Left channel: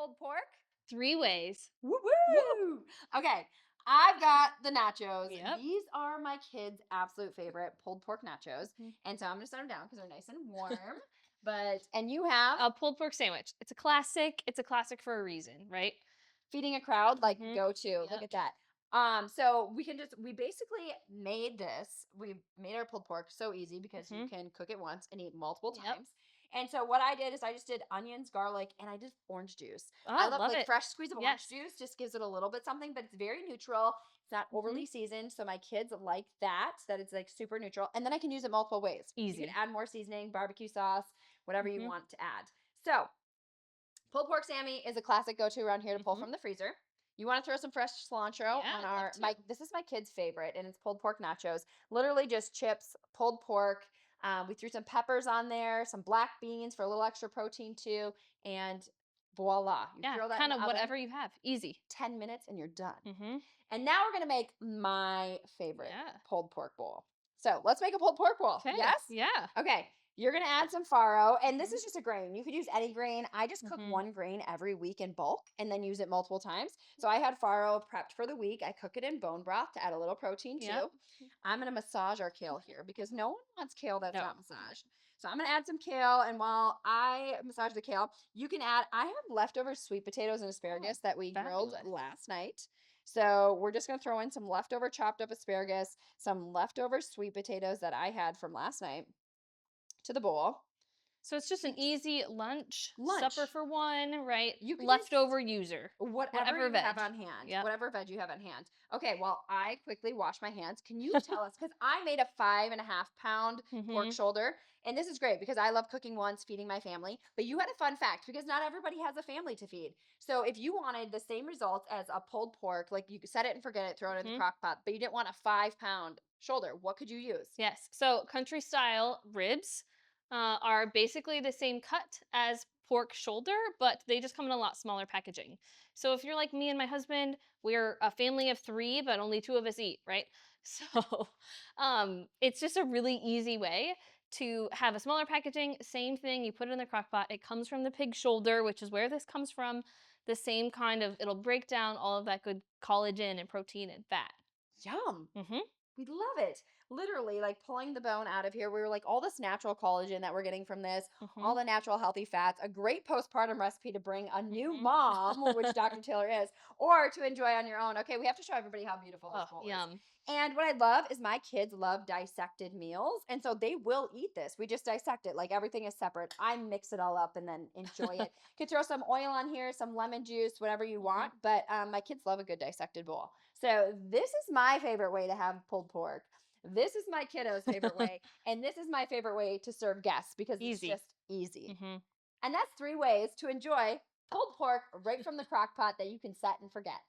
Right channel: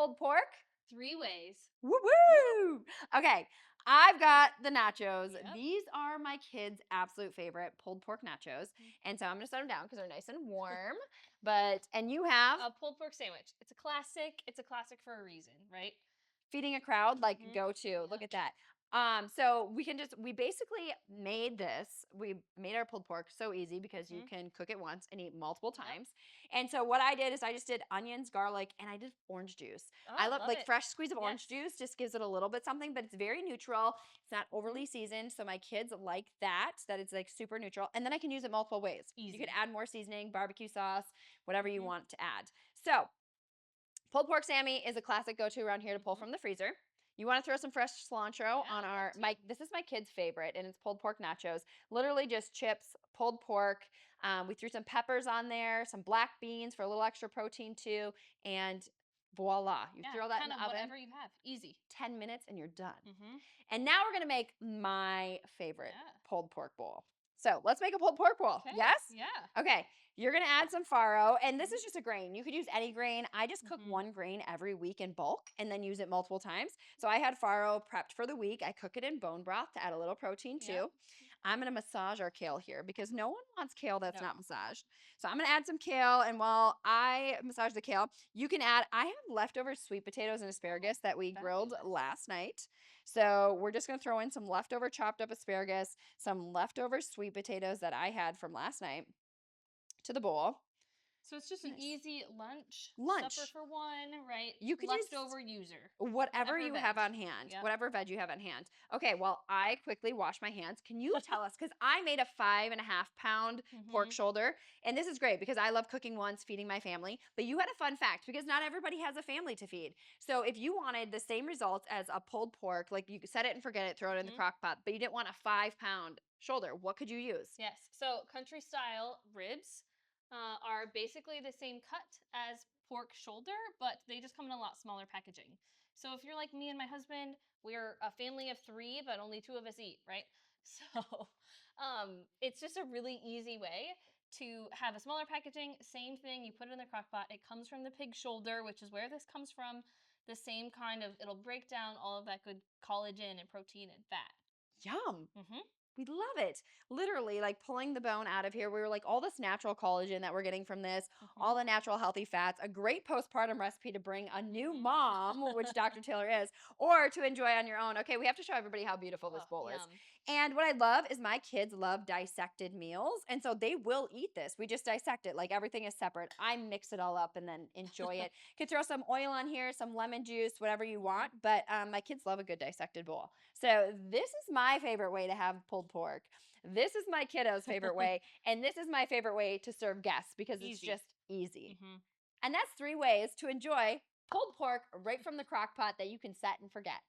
pulled pork. 3 ways. Woo woo! Okay, I've got the nachos. Yep. These are my kids' absolute favorite pulled pork nachos. Mhm. And so I'm gonna set them down because they're nice and warm. And you have A pulled pork sandwich. It's a classic. It's a classic for a reason, right? feeding a crowd, like Mhm. go to. Look Yep. at that. So we basically made this. We made our pulled pork so easy because you Mhm. can cook it once and eat multiple Yep. times. And so what I did is I just did onions, garlic, and I did orange juice. I Oh, love love like it. fresh squeeze of orange Yes. juice, just gives it a little bit something, but it's very neutral. It's not Mhm. overly seasoned. So my kids like that it's like super neutral. And then I can use it multiple ways. You can Easy. add more seasoning, barbecue sauce, whatever you Mhm. want to add. So pulled pork Sammy is a classic go-to around here to pull Mhm. from the freezer. You want to throw some fresh cilantro Yeah, on I'd love our to. this is my kid's favorite, and it's pulled pork nachos. Literally just chips, pulled pork. We threw some peppers on there, some black beans for a little extra protein too, and voila! You Yeah, throw that in kind the of oven, whatever you have. Easy. 10 minutes, and you're done. Mhm. And now we're gonna make my favorite Yeah. pulled pork bowl. So let's make a pulled pork bowl. Okay. Yes? Yeah. Okay. You're gonna add some farro, and this Mhm. is just a grain. You could use any grain. I just cook Mhm. one grain every week in bulk and then use it multiple times. So I had farro prepped for the week. I cook it in bone broth to add a little protein Yep. too. I'm gonna massage our kale here because no one wants kale that's not No. massaged. So I'm gonna add some kale, and while I massage the kale, you can add. I have leftover sweet potatoes and Oh, asparagus that we grilled fabulous. last night. So we're just gonna throw in some leftover chopped up asparagus, some leftover sweet potatoes that I had from last night to the bowl. So it's just an Nice. easy lunch, supper Lunch. for one, right? You could use Leftover user. whatever Whatever you have veg. on hand, Yep. whatever veg you have on hand. Okay, well, I quickly wash my hands. Can you tell us? Because I made a 5.5 pound pork Mhm. shoulder. And this is great because I love cooking once, feeding my family. But you had a fun fact because not everybody has a family to feed. So if you wanted the same results as a pulled pork, like you could set it and forget it, throw it in the Mhm. crock pot, but you didn't want a 5 pound shoulder, what could you use? Yes. So country style ribs are basically the same cut as pork shoulder, but they just come in a lot smaller packaging. So if you're like me and my husband, we're a family of 3, but only 2 of us eat, right? So it's just a really easy way to have a smaller packaging. Same thing, you put it in the crock pot. It comes from the pig shoulder, which is where this comes from. The same kind of, it'll break down all of that good collagen and protein and fat. Yum. Hmm. We love it. Literally, like pulling the bone out of here. We were like, all this natural collagen that we're getting from this, all Hmm. the natural healthy fats, a great postpartum recipe to bring a new Hmm. mom, which Dr. Taylor is, or to enjoy on your own. Okay, we have to show everybody how beautiful this Oh, bowl is. yum. And what I love is my kids love dissected meals. And so they will eat this. We just dissect it. Like everything is separate. I mix it all up and then enjoy it. Could throw some oil on here, some lemon juice, whatever you Mhm. want. But my kids love a good dissected bowl. So this is my favorite way to have pulled pork. This is my kiddo's favorite way, and this is my favorite way to serve guests because it's Easy. just easy. Mhm. And that's 3 ways to enjoy pulled pork right from the crock pot that you can set and forget.